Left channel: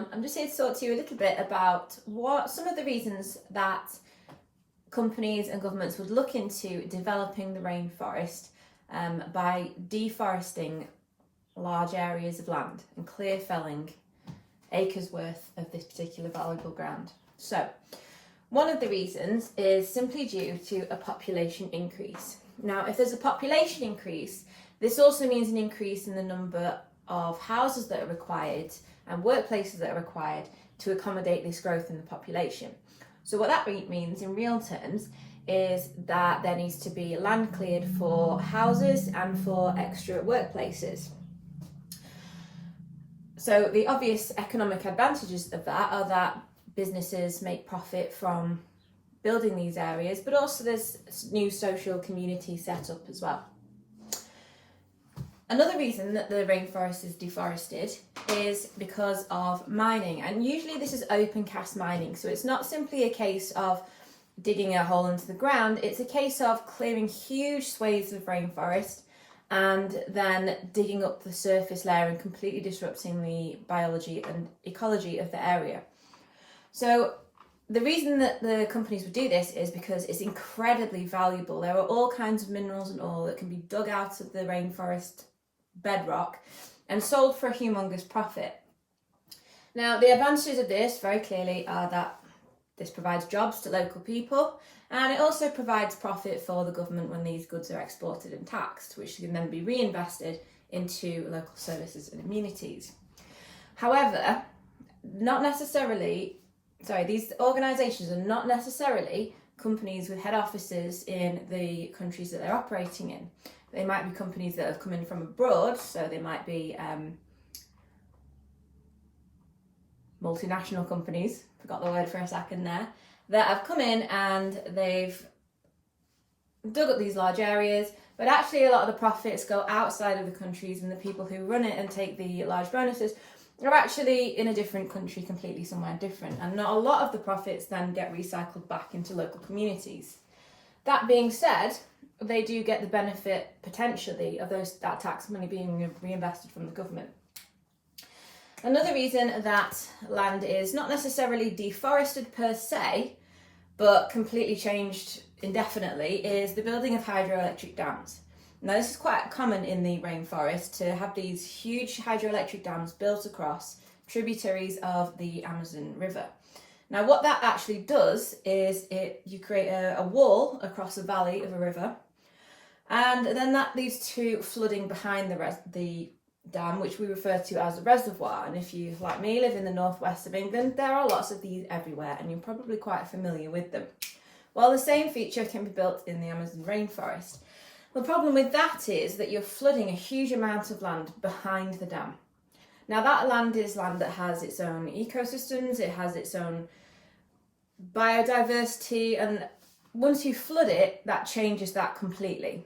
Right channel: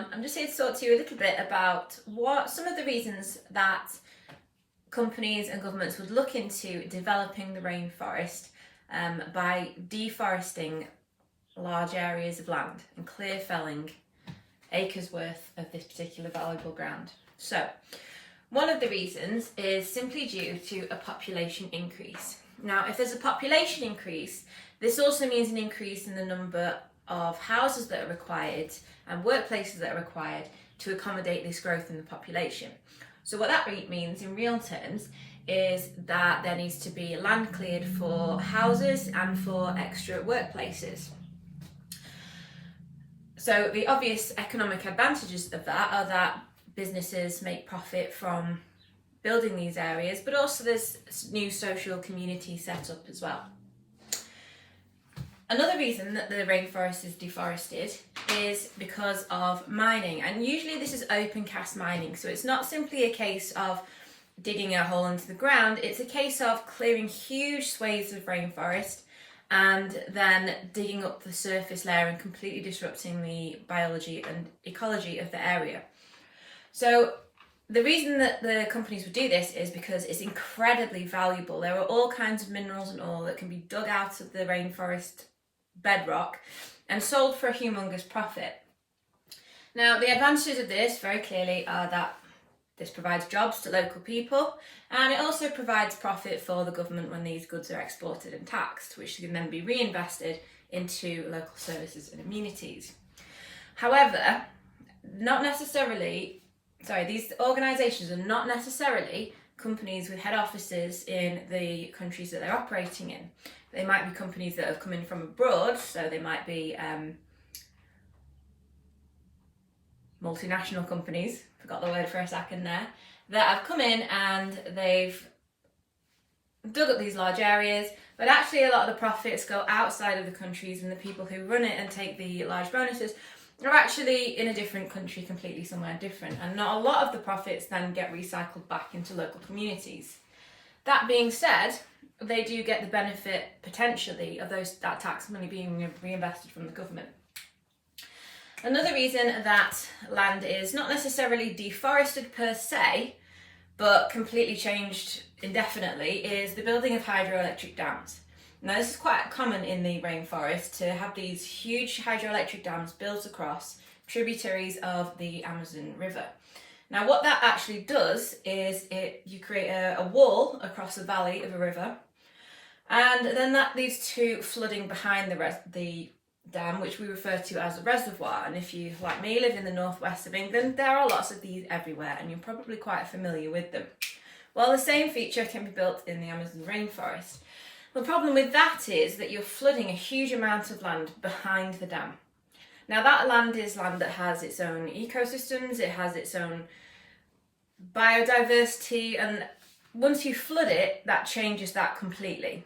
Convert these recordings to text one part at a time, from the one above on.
everyone. I'm just here to talk to you a little bit about what some of the reasons that companies and governments would look into developing the rainforest by deforesting large areas of land and clear felling acres worth of this particular valuable ground. So, one of the reasons is simply due to a population increase. Now, if there's a population increase, this also means an increase in the number of houses that are required and workplaces that are required to accommodate this growth in the population. So what that means in real terms is that there needs to be land cleared for houses and for extra workplaces. So the obvious economic advantages of that are that businesses make profit from building these areas, but also there's new social community set up as well. Another reason that the rainforest is deforested is because of mining, and usually this is open cast mining, so it's not simply a case of digging a hole into the ground, it's a case of clearing huge swathes of rainforest and then digging up the surface layer and completely disrupting the biology and ecology of the area. So the reason that the companies would do this is because it's incredibly valuable. There are all kinds of minerals and oil that can be dug out of the rainforest bedrock and sold for a humongous profit. Now, the advantages of this very clearly are that this provides jobs to local people, and it also provides profit for the government when these goods are exported and taxed, which can then be reinvested into local services and amenities. However, these organisations are not necessarily companies with head offices in the countries that they're operating in. They might be companies that have come in from abroad, so they might be multinational companies, forgot the word for a second there, that have come in and they've dug up these large areas, but actually a lot of the profits go outside of the countries, and the people who run it and take the large bonuses are actually in a different country, completely somewhere different, and not a lot of the profits then get recycled back into local communities. That being said, they do get the benefit potentially of that tax money being reinvested from the government. Another reason that land is not necessarily deforested per se, but completely changed indefinitely, is the building of hydroelectric dams. Now, this is quite common in the rainforest to have these huge hydroelectric dams built across tributaries of the Amazon River. Now, what that actually does is you create a wall across the valley of a river, and then that leads to flooding behind the dam, which we refer to as a reservoir. And if you, like me, live in the northwest of England, there are lots of these everywhere, and you're probably quite familiar with them. Well, the same feature can be built in the Amazon rainforest. The problem with that is that you're flooding a huge amount of land behind the dam. Now, that land is land that has its own ecosystems, it has its own biodiversity, and once you flood it, that changes that completely.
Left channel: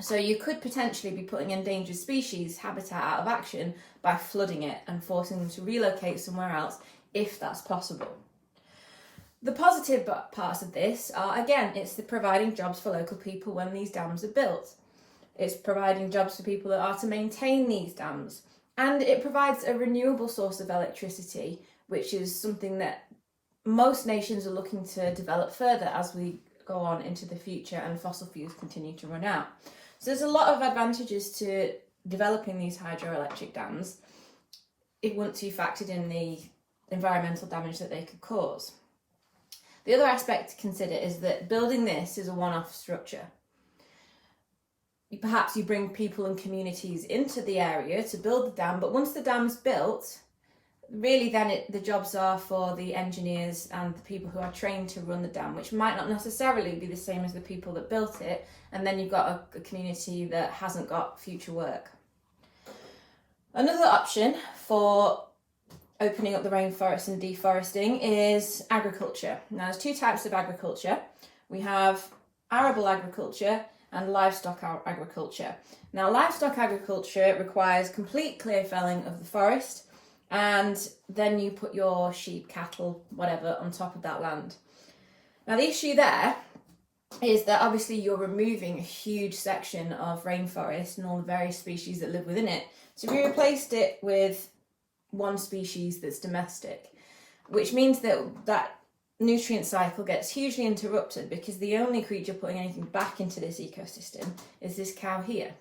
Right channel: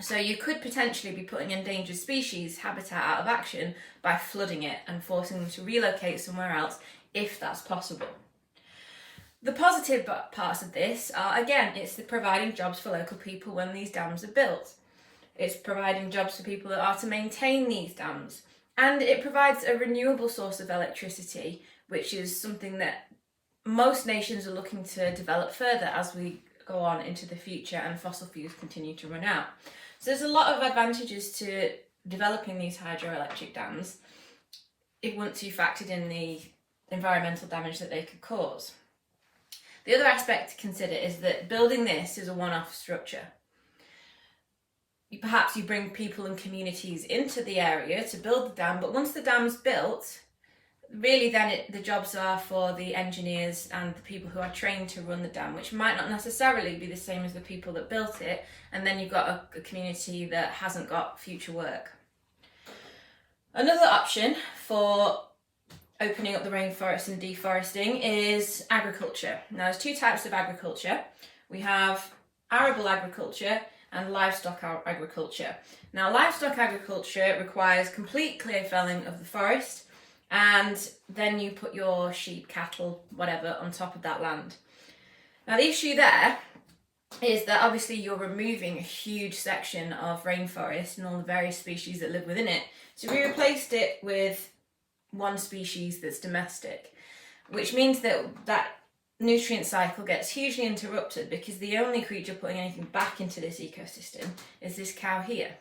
So you could potentially be putting endangered species habitat out of action by flooding it and forcing them to relocate somewhere else if that's possible. The positive parts of this are, again, it's the providing jobs for local people when these dams are built. It's providing jobs for people that are to maintain these dams. And it provides a renewable source of electricity, which is something that most nations are looking to develop further as we go on into the future and fossil fuels continue to run out. So there's a lot of advantages to developing these hydroelectric dams once you factored in the environmental damage that they could cause. The other aspect to consider is that building this is a one-off structure. Perhaps you bring people and communities into the area to build the dam, but once the dam's built, really then the jobs are for the engineers and the people who are trained to run the dam, which might not necessarily be the same as the people that built it, and then you've got a community that hasn't got future work. Another option for opening up the rainforest and deforesting is agriculture. Now, there's two types of agriculture. We have arable agriculture and livestock agriculture. Now, livestock agriculture requires complete clear felling of the forest, and then you put your sheep, cattle, whatever, on top of that land. Now, the issue there is that obviously you're removing a huge section of rainforest and all the various species that live within it. So if we replaced it with one species that's domestic, which means that nutrient cycle gets hugely interrupted because the only creature putting anything back into this ecosystem is this cow here.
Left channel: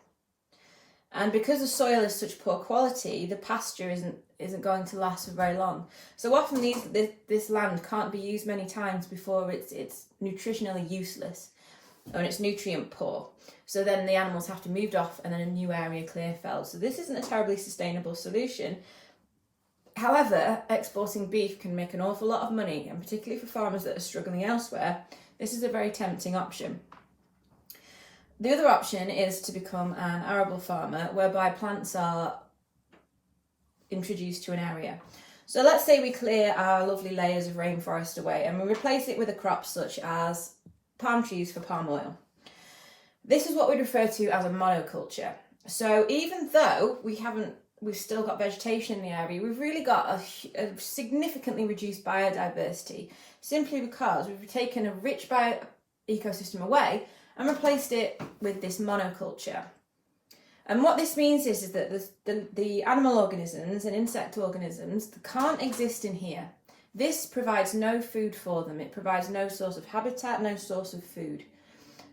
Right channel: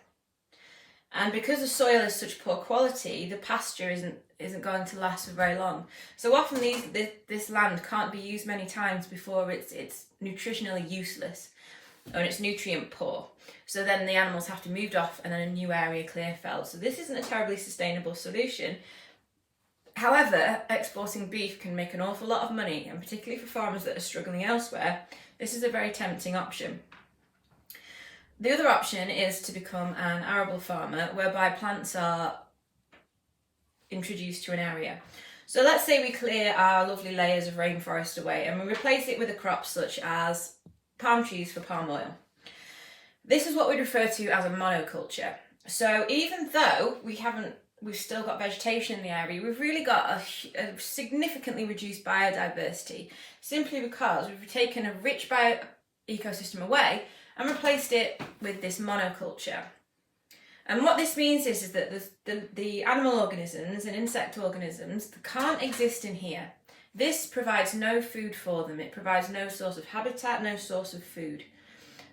And because the soil is such poor quality, the pasture isn't going to last for very long. So often this land can't be used many times before it's nutritionally useless or it's nutrient poor. So then the animals have to be moved off and then a new area clear felled. So this isn't a terribly sustainable solution. However, exporting beef can make an awful lot of money, and particularly for farmers that are struggling elsewhere, this is a very tempting option. The other option is to become an arable farmer, whereby plants are introduced to an area. So let's say we clear our lovely layers of rainforest away and we replace it with a crop such as palm trees for palm oil. This is what we refer to as a monoculture. So even though we've still got vegetation in the area, we've really got a significantly reduced biodiversity, simply because we've taken a rich ecosystem away and replaced it with this monoculture. And what this means is that the animal organisms and insect organisms can't exist in here. This provides no food for them. It provides no source of habitat, no source of food.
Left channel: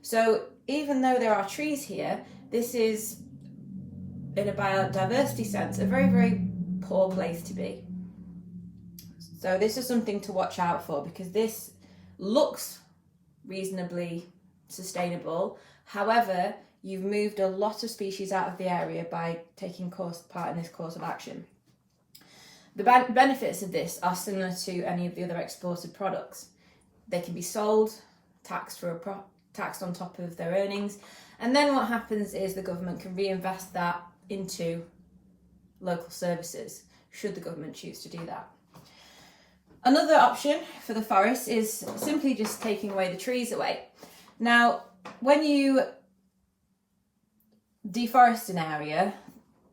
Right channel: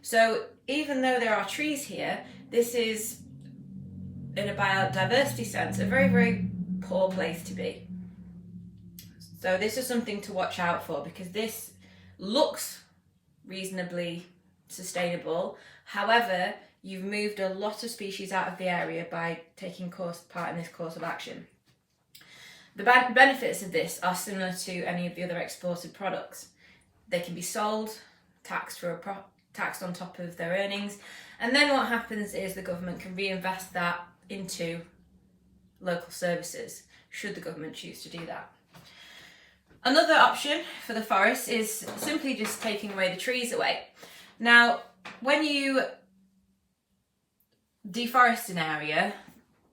So even though there are trees here, this is, in a biodiversity sense, a very, very poor place to be. So this is something to watch out for, because this looks reasonably sustainable. However, you've moved a lot of species out of the area by taking part in this course of action. The benefits of this are similar to any of the other exported products. They can be sold, taxed on top of their earnings, and then what happens is the government can reinvest that into local services, should the government choose to do that. Another option for the forest is simply just taking away the trees away. Now, when you deforest an area,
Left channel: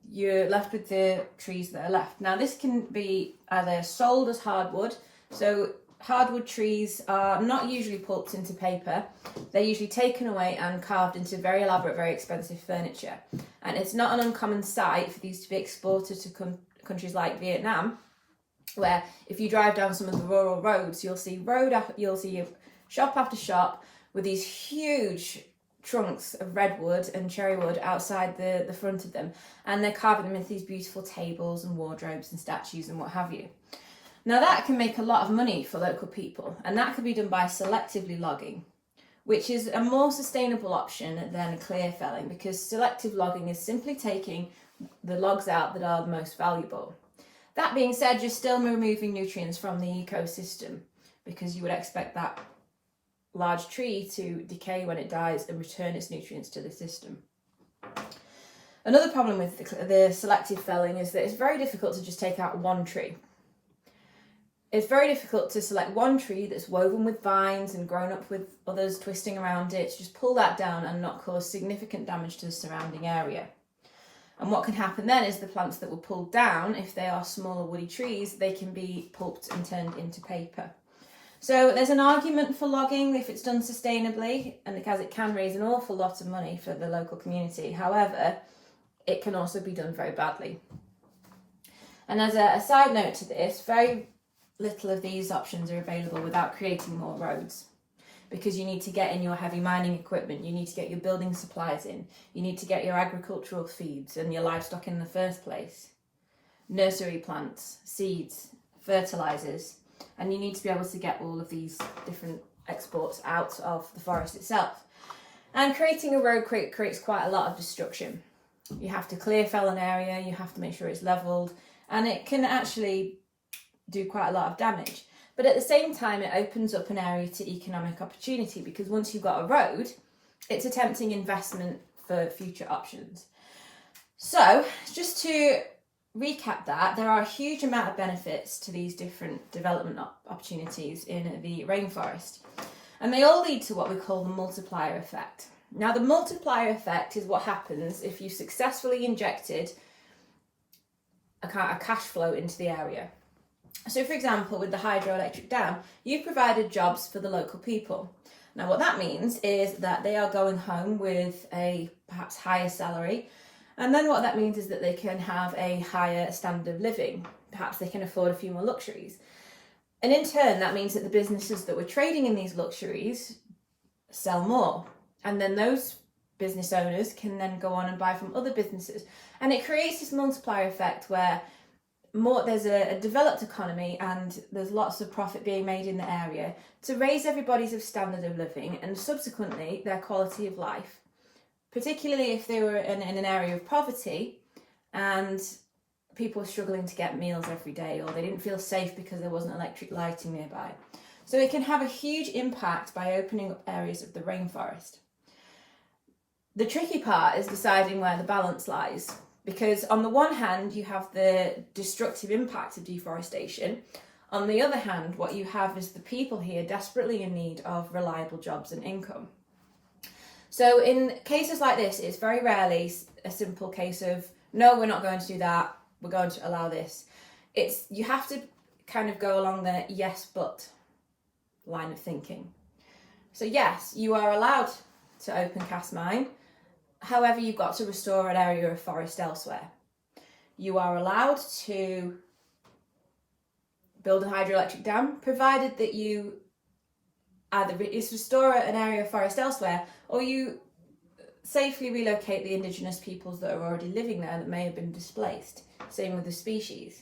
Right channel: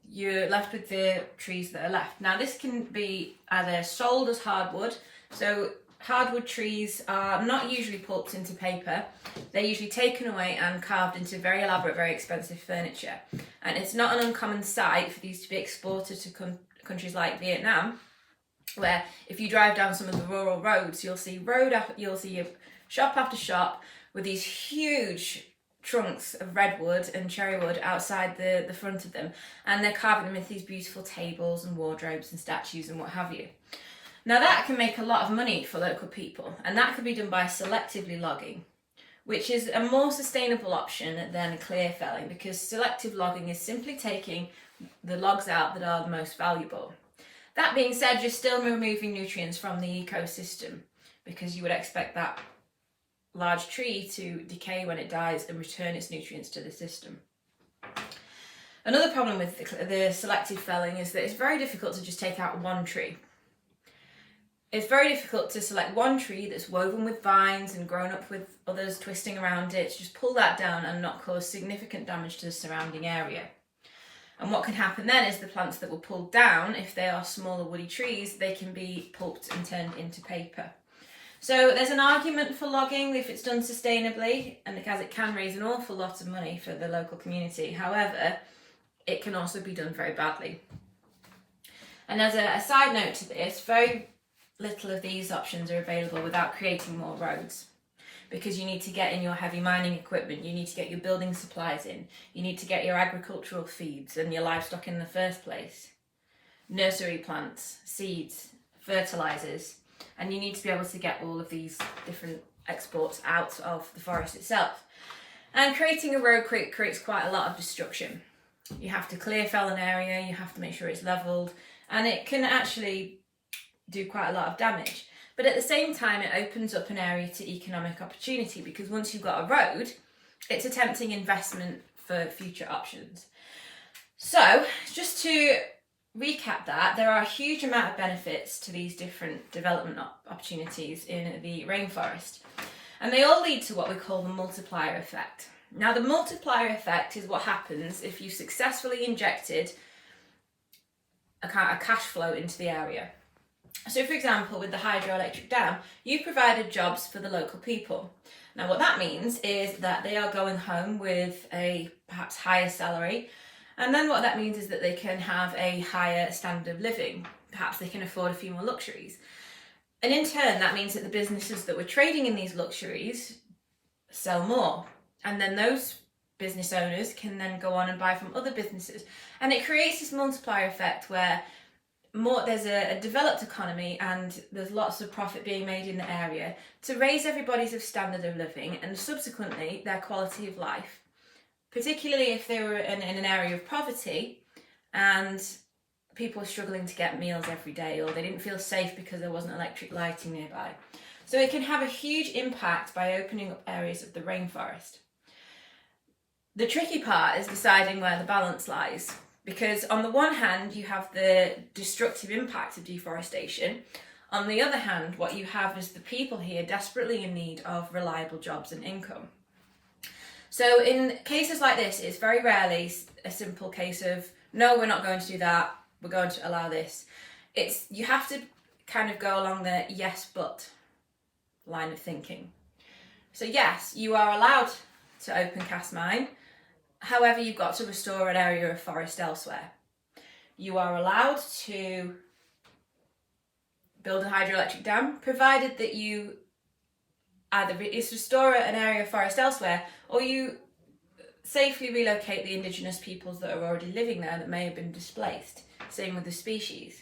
you're left with the trees that are left. Now, this can be either sold as hardwood. So hardwood trees are not usually pulped into paper. They're usually taken away and carved into very elaborate, very expensive furniture. And it's not an uncommon sight for these to be exported to countries like Vietnam, where if you drive down some of the rural roads, you'll see shop after shop with these huge trunks of redwood and cherrywood outside the front of them, and they're carving them into these beautiful tables and wardrobes and statues and what have you. Now that can make a lot of money for local people, and that could be done by selectively logging, which is a more sustainable option than clear felling, because selective logging is simply taking the logs out that are the most valuable. That being said, you're still removing nutrients from the ecosystem, because you would expect that large tree to decay when it dies and return its nutrients to the system. Another problem with the selective felling is that it's very difficult to just take out one tree. It's very difficult to select one tree that's woven with vines and grown up with others twisting around it, to just pull that down and not cause significant damage to the surrounding area. And what can happen then is the plants that were pulled down, if they are smaller woody trees, they can be pulped and turned into paper. So there's an argument for logging if it's done sustainably, and because it can raise an awful lot of money for the local community. However, it can also be done very badly. And as a side note to this, very little of these options are available without creating more roads, because you need to get in your heavy mining equipment, you need to get your building supplies in, you need to get your agricultural feeds and your livestock in the first place, nursery plants, seeds, fertilizers, and you need to be able to get all of these different exports out of the forest itself. And creating a road creates quite a lot of destruction. You have to clear fell an area, you have to make sure it's levelled, and it can actually do quite a lot of damage. But at the same time, it opens up an area to economic opportunity, because once you've got a road, it's a tempting investment for future options. So just to recap that, there are a huge amount of benefits to these different development opportunities in the rainforest, and they all lead to what we call the multiplier effect. Now, the multiplier effect is what happens if you successfully injected a cash flow into the area. So, for example, with the hydroelectric dam, you've provided jobs for the local people. Now, what that means is that they are going home with a perhaps higher salary, and then what that means is that they can have a higher standard of living, perhaps they can afford a few more luxuries. And in turn, that means that the businesses that were trading in these luxuries sell more. And then those business owners can then go on and buy from other businesses. And it creates this multiplier effect where there's a developed economy and there's lots of profit being made in the area to raise everybody's standard of living and subsequently their quality of life, particularly if they were in an area of poverty and people were struggling to get meals every day, or they didn't feel safe because there wasn't electric lighting nearby. So it can have a huge impact by opening up areas of the rainforest. The tricky part is deciding where the balance lies, because on the one hand you have the destructive impact of deforestation. On the other hand, what you have is the people here desperately in need of reliable jobs and income. So in cases like this, it's very rarely a simple case of, no, we're not going to do that, we're going to allow this. You have to kind of go along the yes but line of thinking. So yes, you are allowed to open cast mine. However, you've got to restore an area of forest elsewhere. You are allowed to build a hydroelectric dam, provided that you either restore an area of forest elsewhere, or you safely relocate the indigenous peoples that are already living there that may have been displaced. Same with the species.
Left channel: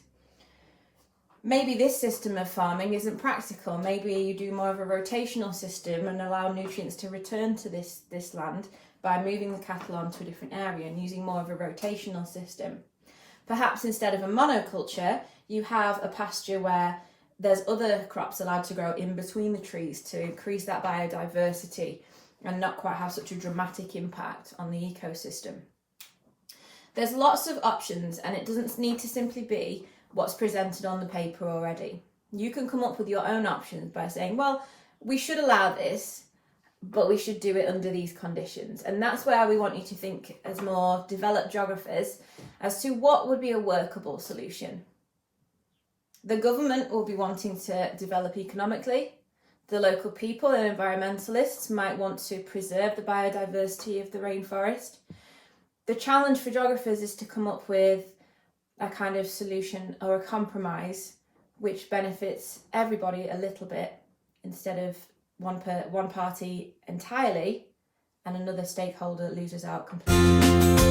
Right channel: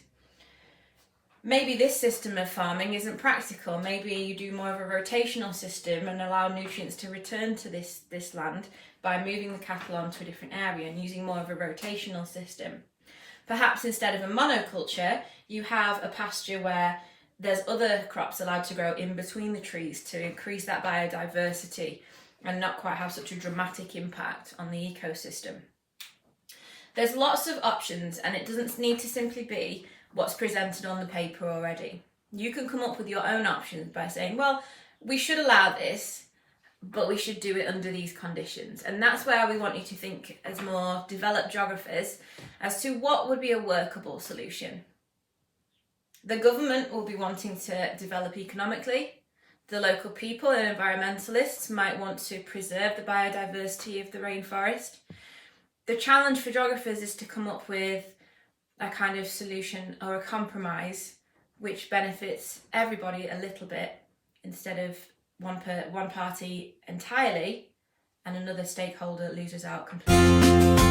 Maybe this system of farming isn't practical. Maybe you do more of a rotational system and allow nutrients to return to this land by moving the cattle onto a different area and using more of a rotational system. Perhaps instead of a monoculture, you have a pasture where there's other crops allowed to grow in between the trees to increase that biodiversity and not quite have such a dramatic impact on the ecosystem. There's lots of options, and it doesn't need to simply be what's presented on the paper already. You can come up with your own options by saying, well, we should allow this, but we should do it under these conditions. And that's where we want you to think as more developed geographers as to what would be a workable solution. The government will be wanting to develop economically. The local people and environmentalists might want to preserve the biodiversity of the rainforest. The challenge for geographers is to come up with a kind of solution or a compromise which benefits everybody a little bit, instead of one party entirely and another stakeholder loses out completely.